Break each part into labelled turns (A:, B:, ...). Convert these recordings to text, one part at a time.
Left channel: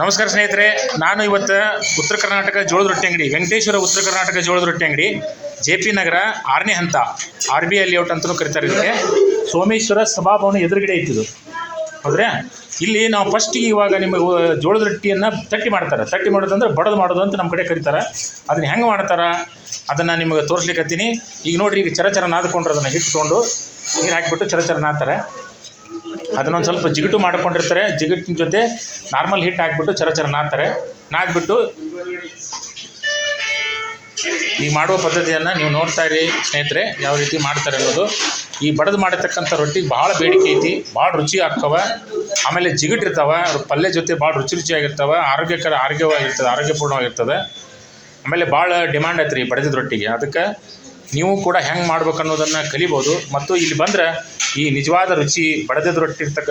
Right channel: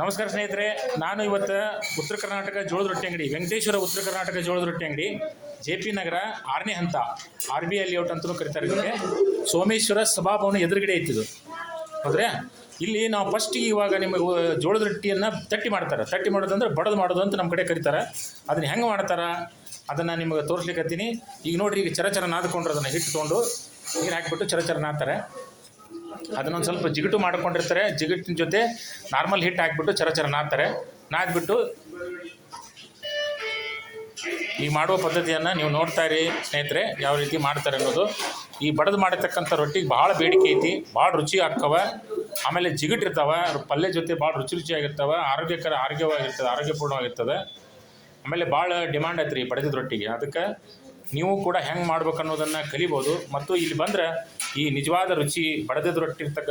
A: ನಮಸ್ಕಾರ ಸ್ನೇಹಿತರೆ, ನಾನು ಇವತ್ತು ಉತ್ತರ ಕರ್ನಾಟಕ ಜೋಳದ ರೊಟ್ಟಿ ಅಂಗಡಿ, ವೆಂಕಟೇಶ್ವರ ಉತ್ತರ ಕರ್ನಾಟಕ ಜೋಳದ ರೊಟ್ಟಿ ಅಂಗಡಿ, ಜೆ ಪಿ ನಗರ ಆರನೇ ಹಂತ, ಆರ್ ಬಿ ಐ ಲೇಔಟ್ ಅಂತಲೂ ಕರಿತಾರೆ ಇದಕ್ಕೆ. ಸೋಮೇಶ್ವರ ಸಭಾಭವನ ಎದುರುಗಡೆ ಐತಿದು ಹೌದ್ರೆ? ಇಲ್ಲಿ ನಾವು ಫಸ್ಟ್ ಇವಾಗ ನಿಮಗೆ ಜೋಳದ ರೊಟ್ಟಿಯನ್ನು ತಟ್ಟಿ ಮಾಡ್ತಾರೆ. ತಟ್ಟಿ ಮಾಡೋದಂದ್ರೆ ಬಡದು ಮಾಡೋದು ಅಂತ ನಮ್ಮ ಕಡೆ ಕರೀತಾರೆ. ಅದನ್ನ ಹೆಂಗೆ ಮಾಡ್ತಾರೆ? ಅದನ್ನು ನಿಮಗೆ ತೋರಿಸ್ಲಿಕ್ಕತ್ತೀನಿ ಈಗ ನೋಡಿರಿ, ಈಗ ಚರಚರ ಚರ ನಾದ್ಕೊಂಡ್ರೆ ಅದನ್ನು ಹಿಟ್ಟು ತೊಗೊಂಡು ನೀರು ಹಾಕಿಬಿಟ್ಟು ಚರಚರ ಚರ ನಾದ್ತಾರೆ. ಅದನ್ನೊಂದು ಸ್ವಲ್ಪ ಜಿಗಿಟು ಮಾಡ್ಕೊಂಡಿರ್ತಾರೆ. ಜಿಗಟಿನ ಜೊತೆ ನಾರ್ಮಲ್ ಹಿಟ್ ಹಾಕ್ಬಿಟ್ಟು ಚರ ಚರ ನಾದ್ತಾರೆ. ನಾದ್ಬಿಟ್ಟು ಈ ಮಾಡುವ ಪದ್ಧತಿಯನ್ನು ನೀವು ನೋಡ್ತಾ ಇರಿ ಸ್ನೇಹಿತರೆ, ಯಾವ ರೀತಿ ಮಾಡ್ತಾರೆ ಅನ್ನೋದು. ಈ ಬಡದು ಮಾಡಿರ್ತಕ್ಕಂಥ ರೊಟ್ಟಿಗೆ ಭಾಳ ಬೇಡಿಕೆ ಐತಿ, ಭಾಳ ರುಚಿ ಆಗ್ತವೆ. ಆಮೇಲೆ ಜಿಗುಟಿರ್ತಾವ ಪಲ್ಯ ಜೊತೆ ಭಾಳ ರುಚಿ ರುಚಿಯಾಗಿರ್ತವೆ, ಆರೋಗ್ಯಕರ, ಆರೋಗ್ಯವಾಗಿರ್ತದೆ, ಆರೋಗ್ಯಪೂರ್ಣವಾಗಿರ್ತದೆ. ಆಮೇಲೆ ಭಾಳ ಡಿಮ್ಯಾಂಡ್ ಐತ್ರಿ ಬಡದಿದ ರೊಟ್ಟಿಗೆ. ಅದಕ್ಕೆ ನೀವು ಕೂಡ ಹೆಂಗೆ ಮಾಡ್ಬೇಕು ಅನ್ನೋದನ್ನು ಕಲಿಬೋದು. ಮತ್ತು ಇಲ್ಲಿ ಬಂದ್ರೆ ಈ ನಿಜವಾದ ರುಚಿ ಬಡದದ ರೊಟ್ಟಿ ಇರ್ತಕ್ಕ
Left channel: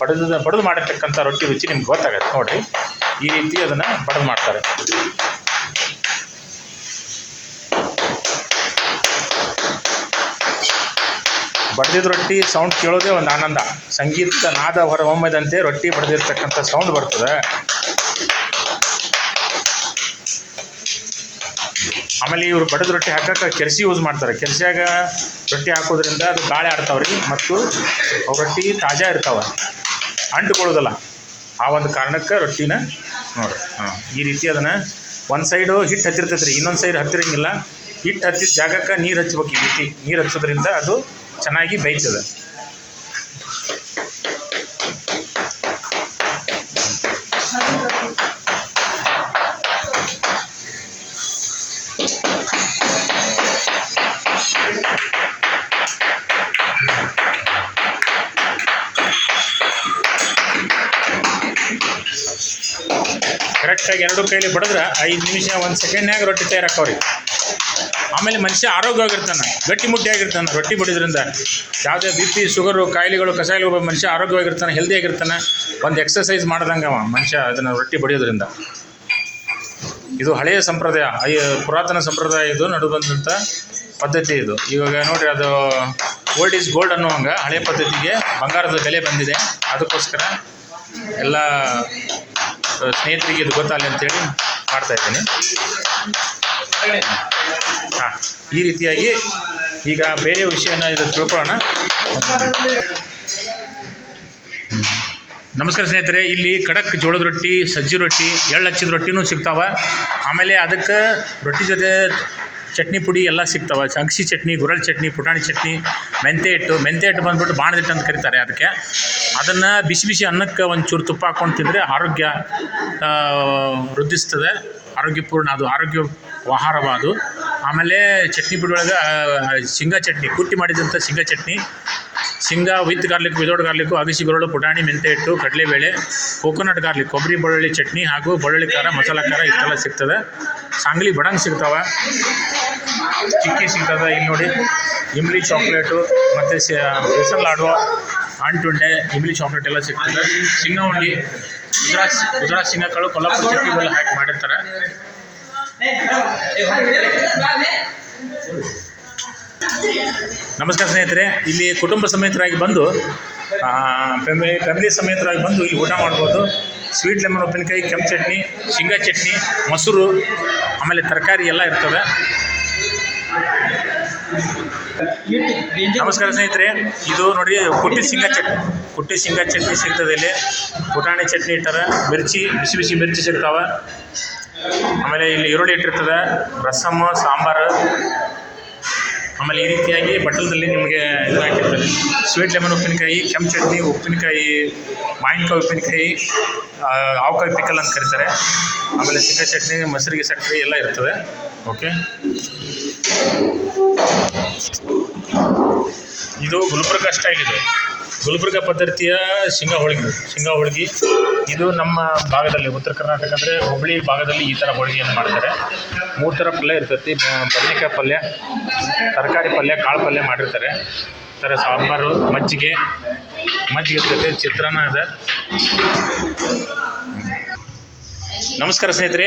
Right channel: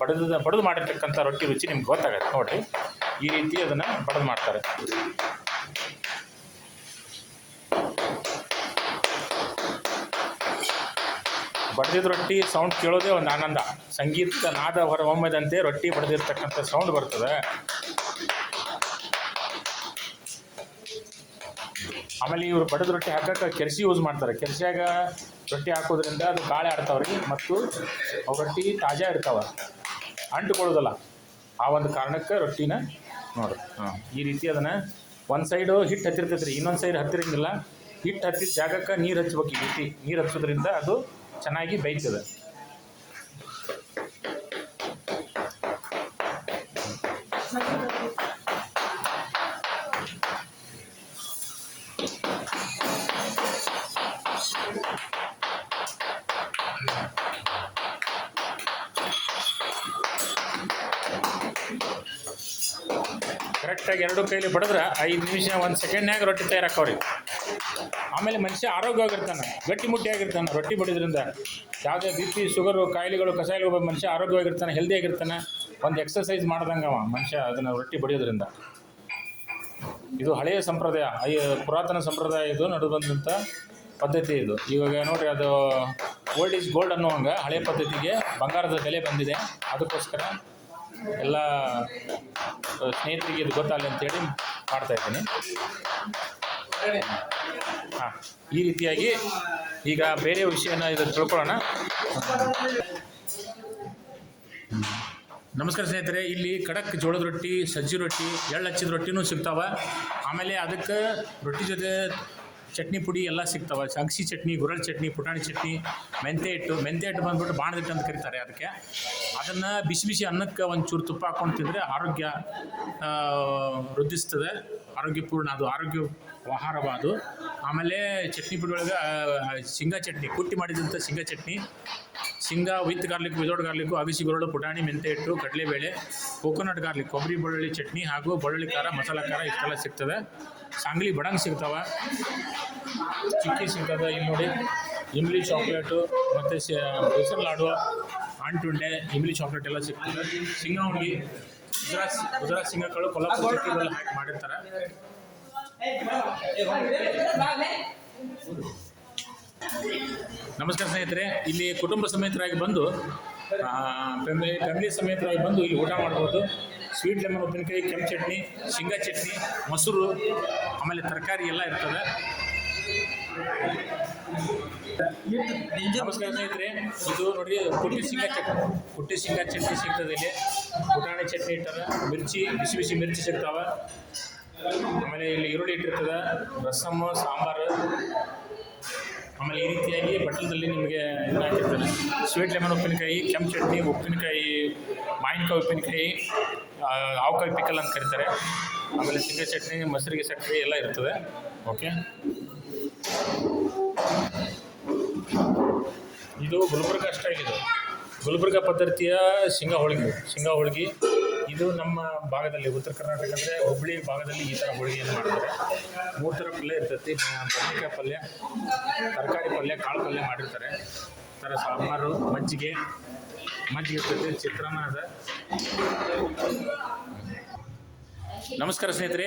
A: ಬಡದ ಬಡದು ಮಾಡಿರ್ತಕ್ಕಂಥ ರೊಟ್ಟಿ ರುಚಿ ನಿಮ್ಗೆ ಗೊತ್ತಾಗತ್ತೆ. ನೋಡಿರಿ, ಈ ರೀತಿ ಅದನ್ನು ಬಡದು ಮಾಡ್ತಾರೆ. ಬಡ್ದಿದ ರೊಟ್ಟಿ ಸೌಂಡ್ ಕೇಳೋದೇ ಒಂದು ಆನಂದ. ಸಂಗೀತ ನಾದ ಒಮ್ಮೆದಂತೆ ರೊಟ್ಟಿ ಬಡ್ದಿರ್ತಕ್ಕಂಥ ಸೌಂಡ್ ಬರ್ತದೆ. ಆಮೇಲೆ ಇವರು ಬಡದ ರೊಟ್ಟಿ ಹಾಕಕ್ಕೆ ಕೆರ್ಸಿ ಯೂಸ್ ಮಾಡ್ತಾರೆ. ಕೆರ್ಸಿಯಾಗ ರೊಟ್ಟಿ ಹಾಕೋದ್ರಿಂದ ಅದು ಗಾಳಿ ಆಡ್ತಾವ್ರಿ ಮತ್ತು ಅವು ರೊಟ್ಟಿ ತಾಜಾ ಇರ್ತಾವೆ. ಅಂಟುಕೊಳ್ಳೋದಿಲ್ಲ. ಆ ಒಂದು ಕಾರಣಕ್ಕೆ ರೊಟ್ಟಿನ ನೋಡಿ ಹಾಂ, ಈ ರೀತಿ ಅದನ್ನು ಒಂದು ಸೈಡು ಹಿಟ್ಟು ಹತ್ತಿರ್ತೈತೆ ರೀ ಇನ್ನೊಂದು ಸೈಡ್ ಹತ್ತಿರಂಗಿಲ್ಲ. ಹಿಟ್ಟು ಹತ್ತಿದ ಜಾಗಕ್ಕೆ ನೀರು ಹಚ್ಬೇಕು ಈ ರೀತಿ. ನೀರು ಹಚ್ಚೋದ್ರಿಂದ ಅದು ಚೆನ್ನಾಗಿ ಬೇಯ್ತದೆ. ಕರೆಕ್ಟಾಗಿ ಎರಡು ಕೈಲಿ ಬಡಿದ್ರೆ ಐದು ನಿಮಿಷ, ಒಂದು ಸೆಕೆಂಡ್ನಾಗ ರೊಟ್ಟಿ ತಯಾರಾಕವ್ರಿ ಆಮೇಲೆ ಮನುಷ್ಯ ಆರೋಗ್ಯವಾಗಿರ್ತಾನೆ ಗಟ್ಟಿಮುಟ್ಟಿಯಾಗಿರ್ತಾನೆ ರೊಟ್ಟಿ ಬಡಿದ್ರಿಂದ. ಯಾವುದೇ ಬಿ ಪಿ ಶುಗರು ಕಾಯಿಲೆಗಳು ಕಸಾಯಿಗಳು ಮನುಷ್ಯ ಆರೋಗ್ಯವಾಗಿರ್ತಾನೆ ಹೆಲ್ದಿಯಾಗಿರ್ತಾನೆ ಒಂದು ಎಕ್ಸಸೈಸ್ ಮಾಡ್ದಂಗೆ ಮನುಷ್ಯ ಅದನ್ನು ರೊಟ್ಟಿ ಬಡಿಯೋದ್ರಿಂದ. ಇದು ಹಳೆಯ ಸಂಪ್ರದಾಯ ಪುರಾತನ ಸಂಪ್ರದಾಯ ಇದು ನಡು ಬಂದಂಥ ಪದ್ಧತಿ ಇದು. ಇವಾಗ ನೋಡ್ರಿ ಅದು ಓಲ್ಡ್ ಈಸ್ ಗೋಲ್ಡ್ ಅನ್ನುವಂಗ ಹಳೆ ಪದ್ಧತಿಗೆ ಬಂಗಾರದ ಬೆಲೆ ಬಂದಿದೆ. ಅದಕ್ಕೋಸ್ಕರ ಎಲ್ಲ ಸ್ನೇಹಿತರಿಗೆ ಇದು ಗೊತ್ತಾಗಲಿ ಅಂತೇಳಿ ಮಾಡ್ತಾ ಇದ್ದೀನಿ. ಹಾಂ, ಈ ರೀತಿಯಾಗಿ ಈಗ ಬೇರೆ ವಿಷಯನ ಇದು ತಿಳ್ಕೊಳ್ಳೋಣ. ನಮಸ್ಕಾರ ಸ್ನೇಹಿತರೆ, ಇಲ್ಲಿ ಖಡಕ್ ಜೋಳದ ರೊಟ್ಟಿ, ಸಜ್ಜಿ ರೊಟ್ಟಿ, ಎಳ್ಳು ಹಚ್ಚಿದ ರೊಟ್ಟಿನೂ ಸಿಗ್ತಾವೆ. ಆಮೇಲೆ ಅದಕ್ಕೆ ರೊಟ್ಟಿ ಜೊತೆ ಚಟ್ನಿ ಪುಡಿ ಎಲ್ಲ ಸಿಗ್ತಾವೆ. ಅಗಸಿ ಚಟ್ನಿ ಗುರಳ್ ಚಟ್ನಿ, ಪುಟಾಣಿ ಚಟ್ನಿ ಮೆಂತೆ ಹಿಟ್ಟು. ಮೆಂತೆ ಹಿಟ್ಟು ಬಂದ್ಬಿಟ್ಟು ಬಾಣದಿಟ್ಟು ಅಂತ ಕರೀತಾರೆ ಅದಕ್ಕೆ. ಅದನ್ನು ಬಿಸಿ ಬಿಸಿ ಅನ್ನಕ್ಕೆ ಒಂದು ತುಪ್ಪ ಹಾಕ್ಕೊಂಡು ತಿಂದರೆ ಆರೋಗ್ಯ ವೃದ್ಧಿಸ್ತದೆ. ಆರೋಗ್ಯಪೂರ್ಣ, ಅದು ಆರೋಗ್ಯ ಆಹಾರವಾದು ಆಮೇಲೆ ಚಟ್ನಿ ಪುಡಿ ಒಳಗೆ ಶೇಂಗಾ ಚಟ್ನಿ, ಕುಟ್ಟಿ ಮಾಡಿದಂಥ ಶೇಂಗಾ ಚಟ್ನಿ. ಶೇಂಗಾ ವಿತ್ ಗಾರ್ಲಿಕ್ ವಿದೌಟ್ ಗಾರ್ಲಿಕ್ಕು ಅಗಸಿ, ಬೆರಳು, ಪುಟಾಣಿ, ಮೆಂತೆ ಹಿಟ್ಟು, ಕಡಲೆಬೇಳೆ ಕೋಕೋನಟ್ ಗಾರ್ಲಿಕ್ ಕೊಬ್ಬರಿ, ಬೆಳ್ಳುಳ್ಳಿ ಚಟ್ನಿ ಹಾಗೂ ಬೆಳ್ಳುಳ್ಳಿ ಖಾರ, ಮಸಾಲ ಖಾರ ಇಷ್ಟೆಲ್ಲ ಸಿಗ್ತದೆ. ಸಾಂಗ್ಲಿ ಬಡಂಗ್ ಸಿಗ್ತಾವೆ. ಚಿಕ್ಕಿ ಸಿಗ್ತದೆ ಇಲ್ಲಿ ನೋಡಿ. ಇಮ್ಲಿ ಚಾಕ್ಲೇಟು, ಮತ್ತು ಬೇಸನ್ ಲಾಡು ಅಂಟುಂಡೆ ಇಮ್ಲಿ ಚಾಕ್ಲೇಟ್ ಎಲ್ಲ ಸಿಗ್ತದೆ. ಶೇಂಗಾ ಉಂಡಿ, ಗುಜರಾತ್ ಗುಜರಾತ್ ಶೇಂಗಾಕಾಳು ಕೊಲ್ಲಾಪುರ ಚಟ್ನಿ ಎಲ್ಲ ಹಾಕಿ ಮಾಡಿರ್ತಾರೆ. ನಮಸ್ಕಾರ ಸ್ನೇಹಿತರೆ, ಇಲ್ಲಿ ಕುಟುಂಬ ಸಮೇತರಾಗಿ ಬಂದು ಫ್ಯಾಮಿಲಿ ಫ್ಯಾಮಿಲಿ ಸಮೇತರಾಗಿ ಬಂದು ಇಲ್ಲಿ ಊಟ ಮಾಡ್ಬೋದು. ಸ್ವೀಟ್ ಲೆಮನ್ ಉಪ್ಪಿನಕಾಯಿ, ಕೆಂಪು ಚಟ್ನಿ, ಶೇಂಗಾ ಚಟ್ನಿ, ಮೊಸರು, ಆಮೇಲೆ ತರಕಾರಿ ಎಲ್ಲ ಇರ್ತವೆ. ನಮಸ್ಕಾರ ಸ್ನೇಹಿತರೆ, ಇದು ನೋಡಿ, ಕುಟ್ಟಿ ಶೇಂಗಾ ಚಟ್ನಿ. ಕುಟ್ಟಿ ಶೇಂಗಾ ಚಟ್ನಿ ಸಿಗ್ತದೆ ಇಲ್ಲಿ. ಪುಟಾಣಿ ಚಟ್ನಿ ಇಟ್ಟಾರೆ ಮಿರ್ಚಿ, ಬಿಸಿ ಬಿಸಿ ಮಿರ್ಚಿ ಸಿಗ್ತಾವೆ. ಆಮೇಲೆ ಇಲ್ಲಿ ಈರುಳ್ಳಿ ಇಟ್ಟಿರ್ತದೆ. ರಸಮ್, ಸಾಂಬಾರು ಆಮೇಲೆ ಈ ರೀತಿಯಾಗಿ ಬಟ್ಟಲದಲ್ಲಿ ನಿಮಗೆ ಇದು ಸ್ವೀಟ್ ಲೆಮನ್ ಉಪ್ಪಿನಕಾಯಿ, ಕೆಂಪು ಚಟ್ನಿ, ಉಪ್ಪಿನಕಾಯಿ, ಮಾವಿನಕಾಯಿ ಉಪ್ಪಿನಕಾಯಿ ಆವಕಾಯಿ ಪಿಕಲ್ ಅಂತ ಕರೀತಾರೆ. ಆಮೇಲೆ ಸಿಕ್ಕ ಚಟ್ನಿ, ಮೊಸರಿಗೆ ಸಕ್ಕರೆ ಎಲ್ಲ ಇರ್ತದೆ. ಓಕೆ? ಇದು ಗುಲ್ಬರ್ಗ ಸ್ಟೈಲ್ ಇದೆ. ಗುಲ್ಬರ್ಗ ಪದ್ಧತಿಯ ಶೇಂಗಾ ಹೋಳಿಗೆ. ಶೇಂಗಾ ಹೋಳಿಗೆ. ಇದು ನಮ್ಮ ಭಾಗದಲ್ಲಿ ಉತ್ತರ ಕರ್ನಾಟಕ ಅಂದರೆ ಹುಬ್ಬಳ್ಳಿ ಭಾಗದಲ್ಲಿ ಈ ಥರ ಹೋಳಿಗೆಯನ್ನು ಮಾಡ್ತಾರೆ. ಮೂರು ಥರ ಪಲ್ಯ ಇರ್ತೈತಿ. ಬದನೆಕಾಯಿ ಪಲ್ಯ, ತರಕಾರಿ ಪಲ್ಯ, ಕಾಳು ಪಲ್ಯ ಮಾಡಿರ್ತಾರೆ. ಥರ ಸಾಂಬಾರು, ಮಜ್ಜಿಗೆ ಮಜ್ಜಿಗೆ ಇರ್ತೈತೆ, ಚಿತ್ರಾನ್ನ ಇದೆ. ನಮಸ್ಕಾರ ಸ್ನೇಹಿತರೆ.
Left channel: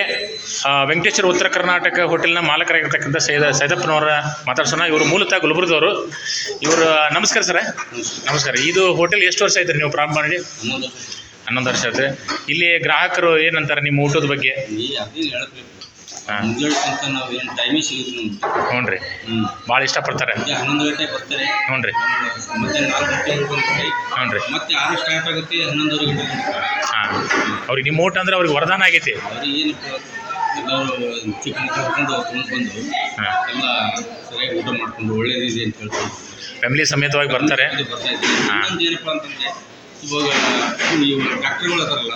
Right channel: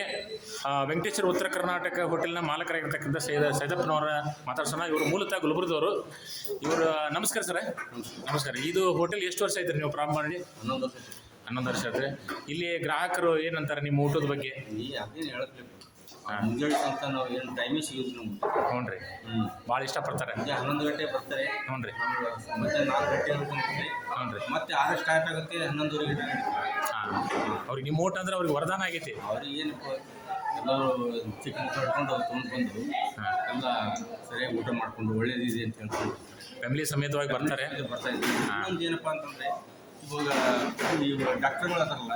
A: ವೆಂಕಟೇಶ್ವರ ಉತ್ತರ ಕರ್ನಾಟಕ ಹೋಟೆಲ್ನ ಮಾಲಕರಾಗಿರ್ತಕ್ಕಂಥ ಸೈದ, ಸೈದಪ್ಪನವರ ಮಾತಾಡ್ಸೋಣ. ಇವರು ಮೂಲತಃ ಗುಲ್ಬರ್ಗದವರು. ಇವರು, ನಮಸ್ಕಾರ ಸರ. ನಮಸ್ಕಾರ. ಇದು ಹೋಟೆಲ್ ಎಷ್ಟು ವರ್ಷ ಆಯ್ತು ನೀವು ಪ್ರಾರಂಭ ಮಾಡಿ?
B: ಹನ್ನೊಂದು
A: ವರ್ಷ ಆಯ್ತು ಇಲ್ಲಿ ಗ್ರಾಹಕರು ಏನಂತಾರೆ ನಿಮ್ಮ ಊಟದ ಬಗ್ಗೆ?
B: ಅದೇನು ಹೇಳ್ಬೇಕು.
A: ಹಾ.
B: ಮುಂಜಾನೆ ತನಕ ನಾವು ಏನು ಟೈಮೇ ಸಿಗುತ್ತೆ ನಮ್ಗೆ
A: ಹ್ಞೂ ರೀ.
B: ಹ್ಞೂ
A: ಭಾಳ ಇಷ್ಟಪಡ್ತಾರೆ.
B: ಮುಂಜಾನೆ ಹನ್ನೊಂದು ಗಂಟೆ ಬರ್ತಾರೆ.
A: ಹ್ಞೂ ರೀ.
B: ಆಮೇಲೆ ಮಧ್ಯಾಹ್ನ ನಾಲ್ಕು ಗಂಟೆ ಬರ್ತಾರೆ
A: ಹ್ಞೂ ರೀ.
B: ಮತ್ತೆ ಆರು ಸ್ಟಾರ್ಟ್ ಆಗುತ್ತೆ ಹನ್ನೊಂದುವರೆ ಗಂಟೆ
A: ಹಾಂ. ಅವ್ರಿಗೆ ನಿಮ್ಮ ಊಟ ಅಂದ್ರೆ ಅವ್ರಿಗೆ ವರದಾನ ಆಗೈತಿ.
B: ಅವ್ರಿಗೆ ಏನಪ್ಪ ಎಲ್ಲರೂ ಚಿಕನ್ ಕರ್ಕೊಂಡು ತೊಗೊಂಡು ಬಂದು
A: ಹಾಂ.
B: ಎಲ್ಲ ಸರಿಯಾಗಿ ಊಟ ಮಾಡ್ಕೊಂಡು ಒಳ್ಳೇದಿದೆ ಅಂತ ಹೇಳ್ಕೊಂಡು
A: ಫ್ಯಾಮಿಲಿ ಸಮೇತವಾಗಿ ಬರ್ತಾರೆ.
B: ಬರ್ತಾ ಇದ್ದೀವಿ ಇನ್ನೊಂದು ಏನಪ್ಪ ಅಂತಂದರೆ ಇವಾಗ ನೀವು ಡಾಕ್ಟರ್ಗಳು ಅದಾರಲ್ಲ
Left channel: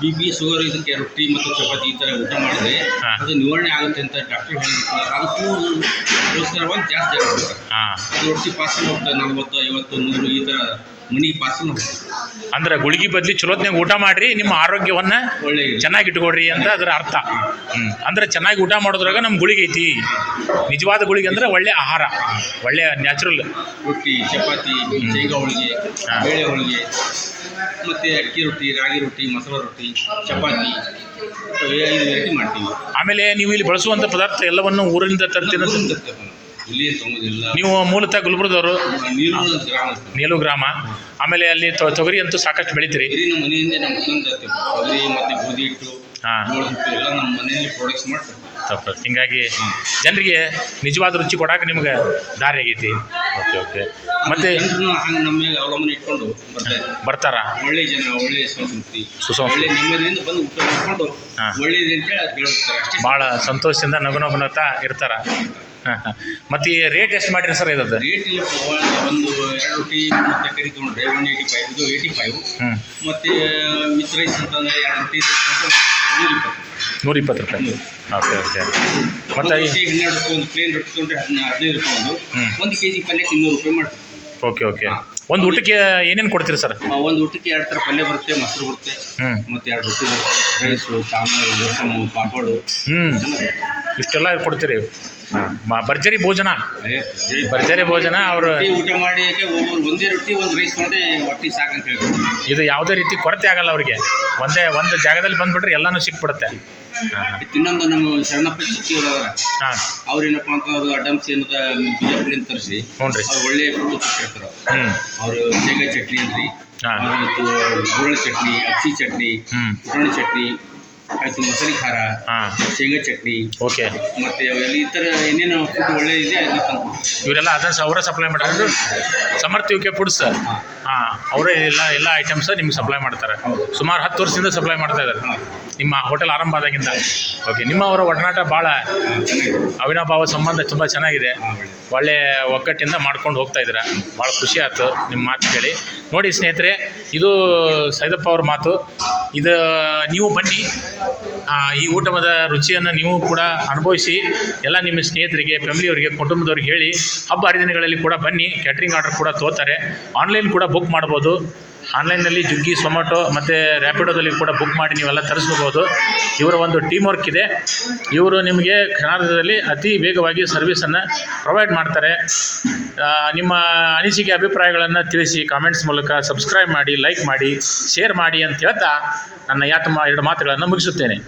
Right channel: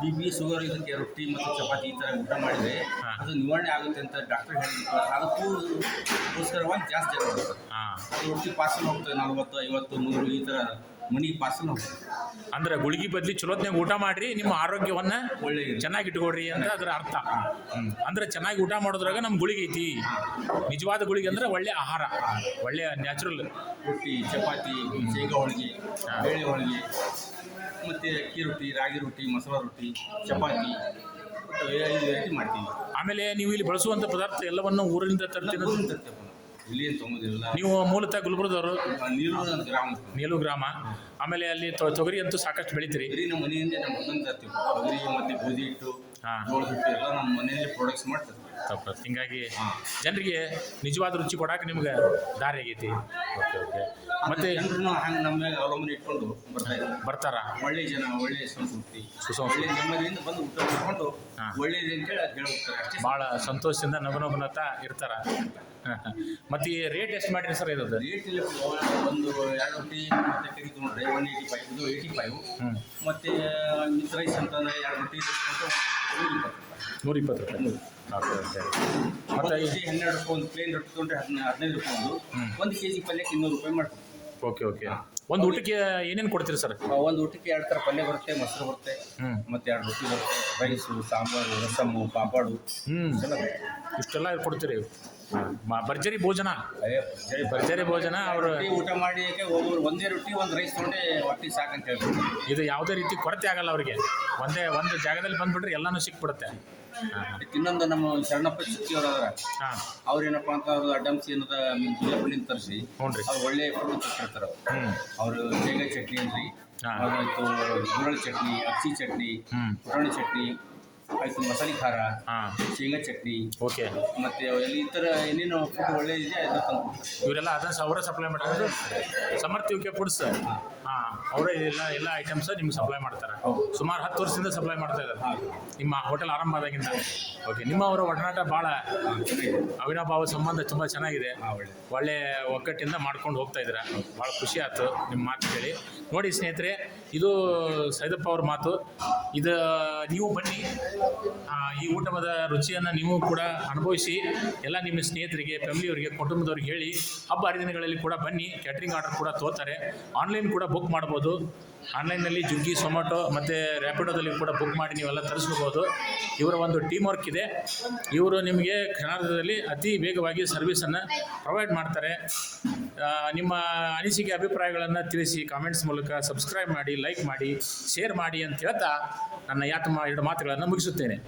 B: ಬಿ ಪಿ ಶುಗರ್ ಇದಕ್ಕೆ ರೊಟ್ಟಿ ಮತ್ತು ಚಪಾತಿ ಈ ಥರ ಊಟ ಮಾಡಿದ್ರೆ ಅದು ನಿವಾರಣೆ ಆಗುತ್ತೆ ಅಂತ ಡಾಕ್ಟರ್ ಹೇಳಿದ್ರು. ಅದಕ್ಕೂ ಗೋಸ್ಕರವಾಗಿ ಜಾಸ್ತಿ ಆಗುತ್ತೆ.
A: ಹಾಂ.
B: ಅದು ರೊಟ್ಟಿ ಪಾರ್ಸಲ್ ಹೋಗ್ತದೆ ನಲ್ವತ್ತು ಐವತ್ತು ನೂರು ಈ ಥರ ಮನೆಗೆ ಪಾರ್ಸಲ್ ಹೋಗ್ತದೆ.
A: ಅಂದ್ರೆ ಗುಳಿಗೆ ಬದಲಿ ಚಲೋತ್ನಾಗ ಊಟ ಮಾಡ್ರಿ ನಿಮ್ಮ ಆರೋಗ್ಯವನ್ನ
B: ಒಳ್ಳೆ
A: ಚೆನ್ನಾಗಿ ಇಟ್ಕೊಡ್ರಿ ಅಂತ ಅದರ ಅರ್ಥ. ಅಂದ್ರೆ ಚೆನ್ನಾಗಿ ಊಟ ಮಾಡೋದ್ರಾಗ ನಮ್ಮ ಗುಳಿಗೆ ಐತಿ. ನಿಜವಾದ ಗುಳಿಗೆ ಅಂದ್ರೆ ಒಳ್ಳೆ ಆಹಾರ ಒಳ್ಳೆ ನ್ಯಾಚುರಲ್.
B: ರೊಟ್ಟಿ ಚಪಾತಿ ಶೇಂಗಾ ಹೋಳಿಗೆ ಬೇಳೆ ಹೋಳಿಗೆ ಮತ್ತು ಅಕ್ಕಿ ರೊಟ್ಟಿ ರಾಗಿ ರೊಟ್ಟಿ ಮೊಸರು ರೊಟ್ಟಿ ಚಪಾತಿ ಮಾಡ್ತೀವಿ.
A: ಆಮೇಲೆ ನೀವು ಇಲ್ಲಿ ಬಳಸುವಂಥ ಪದಾರ್ಥ ಎಲ್ಲವನ್ನು ಊರಿಂದ ತರ್ತೀರ.
B: ಇಲ್ಲಿ
A: ನೀವು ಮೂಲತಃ ಗುಲ್ಬರ್ಗದವರು?
B: ನೀರು ಗ್ರಾಮ
A: ನೀಲು ಗ್ರಾಮ. ಆಮೇಲೆ ಅಲ್ಲಿ ತೊ- ತೊಗರಿ ಅಂತೂ ಸಾಕಷ್ಟು ಬೆಳಿತೀರಿ.
B: ಬರೀ ನಮ್ಮ ಮನೆಯಿಂದ ನಮ್ಮ ಮತ್ತೊಂದು ಜಾತಿ ತೊಗರಿ ಮತ್ತು ಗೋಧಿ ಹಿಟ್ಟು
A: ಹಾಂ.
B: ಜೋಳದ ಹಿಟ್ಟು ಎಲ್ಲ ನಮ್ಮ ಮನೆಯಲ್ಲಿ ಪ್ರೊಡಕ್ಟ್ಸ್ ಮಾಡ್ತಾರೆ.
A: ತಪ್ಪು. ಹಿಂಗಾಗಿ ಜನರಿಗೆ ನಿಜವಾದ ರುಚಿ ಕೊಡಕ್ಕೆ ನಿಮ್ಗೆ ದಾರಿ ಆಗೈತಿ. Okay okay. ಮತ್ತೆ
B: ಜನರನ್ನು ಹಂಗೆ ನಮ್ಮ ಮೇಲೆ ಅವಲಂಬನೆ ಇಟ್ಕೊಂಡು ಬರ್ತಾ ಇದ್ದಾರೆ.
A: ಬರ್ತಾರ?
B: ಒಳ್ಳೆ ಜನ ಒಳ್ಳೆ ಸಂಸ್ಕೃತಿ
A: ಸುಸಂಸ್ಕೃತಿ.
B: ಒಳ್ಳೆ ನೆಮ್ಮದಿಯಿಂದ ಬಂದು ಊಟ ಮಾಡಿಕೊಂಡು
A: ಹಾಂ.
B: ಒಳ್ಳೇದು ಅಂತೇಳಿ ಅದು ಹೇಳ್ತಾರೆ ಅಷ್ಟೇ
A: ಭಾಳ ಸಂತೋಷದಿಂದ ನಗುನಗುನತಾ ಇರ್ತಾರ? ಹಾಂ ಹಾಂ ಮತ್ತು ಈ ರೇಟ್ ಎಷ್ಟು ಮಾಡಿರಿ ಸರ್ ಇದ್ದದ್ದು
B: ರೇಟ್ ಇಲ್ಲ ಒಂದು ಎರಡು ರೊಟ್ಟಿ ಮತ್ತೆ ಕರಿ ತೊಗೊಂಡ್ರೆ ಒನ್ ಏಯ್ಟಿ ಫೈವ್ ಇದು ಏಯ್ಟಿ ಫೈವ್
A: ಹ್ಞೂ
B: ಮತ್ತು ವಿತ್ ರೈಸ್ ಅಂತಂದರೆ ಎರಡು ರೊಟ್ಟಿ ನೂರ ಇಪ್ಪತ್ತು
A: ನೂರ ಇಪ್ಪತ್ತು ರೂಪಾಯಿ. ಓಕೆ ಓಕೆ ಮತ್ತೆ
B: ಹನ್ನೆರಡು ರೂಪಾಯಿ ಒಂದು ಪ್ಲೇನ್ ರೊಟ್ಟಿ ತೊಗೊಂಡ್ರೆ ಹದಿನೈದು ಹದಿನೈದು ರೂಪಾಯಿ ಒಂದು. ಒಂದು ಕೆ ಜಿ ಪಲ್ಯಕ್ಕೆ ಇನ್ನೂರು ರೂಪಾಯಿ ಮಾಡ್ತೀವಿ.
A: ಓಕೆ ಓಕೆ ಒಂದು ಊಟಕ್ಕೆ ಏನೇನು ಕೊಡ್ತೀರಿ ಸರ್
B: ಒಂದು ಊಟಕ್ಕೆ ಎರಡು ಥರ ಪಲ್ಯ ಬರುತ್ತೆ ಮೊಸರು ಬರುತ್ತೆ
A: ಹ್ಞೂ
B: ಮತ್ತು ಎರಡು ರೊಟ್ಟಿ ಬರುತ್ತೆ. ರೈಸು ಸಾಂಬಾರು ರಸಮು ಪಾಪಾಡು.
A: ಹ್ಞೂ
B: ಚೆನ್ನಾಗಿ
A: ಇಷ್ಟೆಲ್ಲ ಕೊಡ್ತೀರಿ. ಮ- ಭರ್ಜರಿ ಭೋಜನ. ಭರ್ಜರಿ ಭೋಜನ ಅವರು
B: ರೊಟ್ಟಿ ಊಟ ಮಾಡಿ ಒಂದೇ ರೊಟ್ಟಿ ಒಂದು ರೈಸ್ ತೊಗೊಂಡೆ ಹೊಟ್ಟಿ ಸಾಕಂತ ಹೇಳ್ತಾರೆ.
A: ಇದು ಯಾವುದೇ ರೀತಿ ಕೊರತೆ ಆಗಲ್ಲ ಅವರಿಗೆ. ಒಂದೇ ಒಂದು ಜಾಗದಲ್ಲಿ ಬಂದ್ಬಿಟ್ರೆ ಎಲ್ಲನೂ ಸಿಕ್ಬಿಡುತ್ತೆ.
B: ಇನ್ನೊಂದು ನಮ್ಮ ಶರಣಪ್ಪ ಚಿಕ್ಕಿಯವರು ಅವರ
A: ಹಾಂ.
B: ಅವ್ರೇನಪ್ಪ ಅಂತ ಅವ್ರದ್ದು ಅಡ್ಡಮ್ಸ್ ಏನದ ಬಿಜಾಪುರಿಂದ ತರಿಸಿ
A: ಹ್ಞೂ ರೀ.
B: ಅವ್ರು ಒಳ್ಳೆ ಫುಡ್ ಕೊಟ್ಟಿರ್ತಾರೆ.
A: ಹ್ಞೂ.
B: ಅವರು ಶೇಂಗಾ ಚಟ್ನಿ ಅಂದ್ರಿ
A: ಹಾಂ.
B: ಅವ್ರ ಗುರಳ ಚಟ್ನಿ ಅಕ್ಕಿ ಚಟ್ನಿ
A: ಹ್ಞೂ.
B: ಪುಟಾಣಿ ಚಟ್ನಿ ಆಯ್ತು ಮಸಾಲೆ ಖಾರ
A: ಹಾಂ.
B: ಶೇಂಗಾ ಚಟ್ನಿ
A: ಓಕೆ.
B: ಮತ್ತೆ ಅವೆಲ್ಲ ಈ ಥರ ಏನೇನು ಫುಡ್ ಒಳ್ಳೆ ಇದೆ ಅದನ್ನ ತಂದು
A: ಇವರೆಲ್ಲ ಅದರ ಅವರೇ ಸಪ್ಲೈ ಮಾಡೋದು ಸಮರ್ಥ ಯು ಕೆ ಫುಡ್ಸ್ ಹಾಂ. ಅವರೇ ಎಲ್ಲ ಎಲ್ಲ ಐಟಮ್ಸ್ ನಿಮ್ಗೆ ಸಪ್ಲೈ ಮಾಡ್ತಾರೆ. ಸುಮಾರು ಹತ್ತು ವರ್ಷದಿಂದ ಸಪ್ಲೈ ಮಾಡ್ತಾ ಇದ್ದಾರೆ. ನಿಮ್ಮ ಹೋಟೆಲ್ ಆರಂಭ ಆದಾಗಿಂದ. ಓಕೆ ನಿಮ್ಮ ಅವರ ಒಡನಾಟ ಭಾಳ ಅವಿನಾಭಾವ ಸಂಬಂಧ ತುಂಬ ಚೆನ್ನಾಗಿದೆ.
B: ಒಳ್ಳೆ.
A: ಒಗ್ಗಟ್ಟಿಂದ ಮಾಡ್ಕೊಂಡು ಹೋಗ್ತಾ ಇದ್ದೀರಾ? ಭಾಳ ಖುಷಿ ಆಯ್ತು ನಿಮ್ಮ ಮಾತು ಕೇಳಿ. ನೋಡಿ ಸ್ನೇಹಿತರೆ ಇದು ಸೈದಪ್ಪ ಅವ್ರ ಮಾತು. ಇದು ನೀವು ಬನ್ನಿ. ಈ ಊಟದ ರುಚಿಯನ್ನು ನೀವು ಕೂಡ ಅನುಭವಿಸಿ. ಎಲ್ಲ ನಿಮ್ಮ ಸ್ನೇಹಿತರಿಗೆ, ಫ್ಯಾಮಿಲಿಯವರಿಗೆ, ಕುಟುಂಬದವ್ರಿಗೆ ಹೇಳಿ. ಹಬ್ಬ ಹರಿದಿನಗಳಲ್ಲಿ ಕೂಡ ಬನ್ನಿ. ಕ್ಯಾಟ್ರಿಂಗ್ ಆರ್ಡರ್ ಕೂಡ ತೋತಾರೆ. ಆನ್ಲೈನ್ ಕೂಡ ಬುಕ್ ಮಾಡ್ಬೋದು. ಆನ್ಲೈನಲ್ಲಿ ಜುಗ್ಗಿ ಸೊಮ್ಯಾಟೊ ಮತ್ತು ರ್ಯಾಪಿಡೋದಲ್ಲಿ ಕೂಡ ಬುಕ್ ಮಾಡಿ ನೀವೆಲ್ಲ ತರಿಸ್ಕೋಬೋದು. ಇವರ ಒಂದು ಟೀಮ್ ವರ್ಕ್ ಇದೆ. ಇವರು ನಿಮಗೆ ಕ್ಷಣಾರ್ಧದಲ್ಲಿ ಅತಿ ವೇಗವಾಗಿ ಸರ್ವಿಸನ್ನು ಪ್ರೊವೈಡ್ ಮಾಡ್ತಾರೆ. ನಿಮ್ಮ ಅನಿಸಿಕೆ, ಅಭಿಪ್ರಾಯಗಳನ್ನು ತಿಳಿಸಿ ಕಾಮೆಂಟ್ಸ್ ಮೂಲಕ ಸಬ್ಸ್ಕ್ರೈಬ್ ಮಾಡಿ ಲೈಕ್ ಮಾಡಿ ಶೇರ್ ಮಾಡಿ ಅಂತ ಹೇಳ್ತಾ ನನ್ನ ಯಾತ ಎರಡು ಮಾತುಗಳನ್ನು ಮುಗಿಸುತ್ತೇನೆ.